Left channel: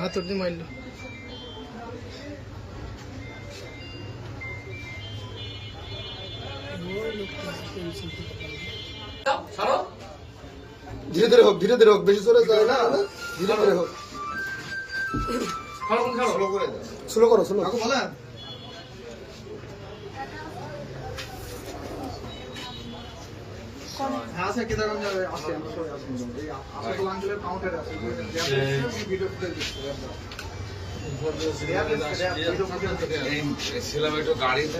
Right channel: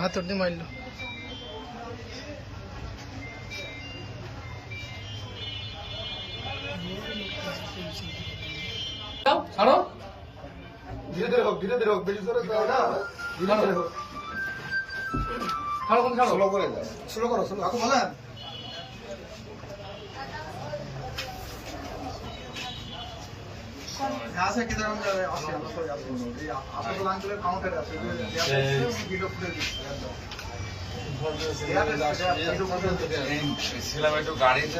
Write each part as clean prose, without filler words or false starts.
হাতর দিয়ে মারলো। ধীরে ধীরে হোক, ধীরে ধীরে হোক, বেশি সরে যাও না, ধীরে ধীরে হোক। স্লো করে দাও, স্লো করো, স্লো। কাকু বলেন আছে কি দেখুন আছে আমরা করে আসবো এই আপনাদের আঙ্গুলের কাউন্টারে আছে ভিডিও ফুটেজ দিচ্ছি ছিলাম একটু গাড়িতে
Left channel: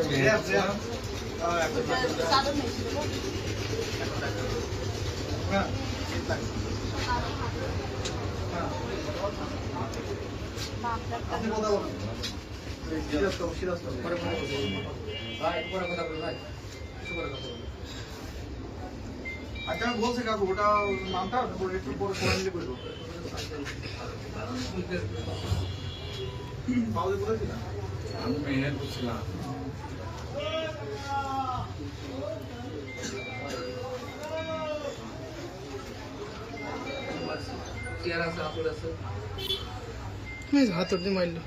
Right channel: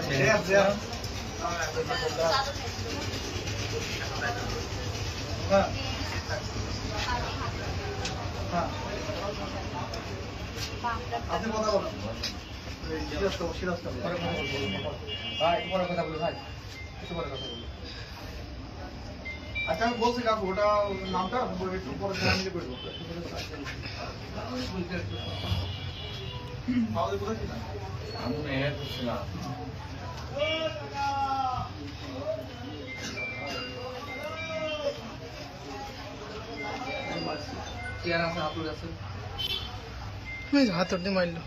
আপনি কথা বলুন সিরিয়াস তো ভাই পরে কথা বলুন ভাই কিছু পরে কথা বলুন। আচ্ছা আমি বলছি কাকু ওটা নামটা একটু পরে ফ্যামিলি করে দেবো তাহলে বলেছি না আমি মেয়ের ছিলাম হাতর দিয়ে মারলো।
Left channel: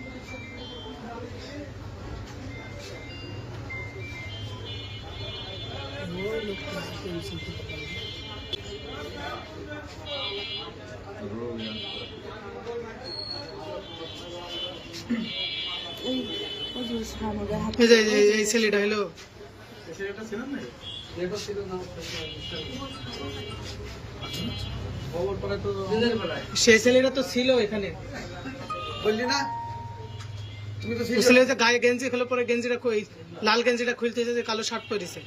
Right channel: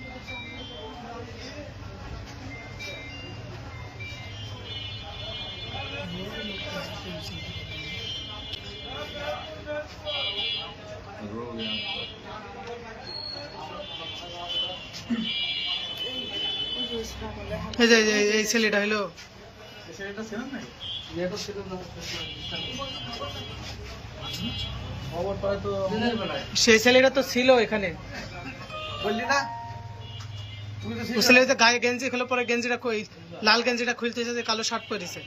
এই ছেলেটা হলো সেই ছেলেটা তো ছিল এখানে, বললি না তুমি তো ছেলেটা গায়ে গেঞ্জি খুলে পরে গেঞ্জিটা লাল গেঞ্জিটা খুলতে কালো শার্ট পরেছে।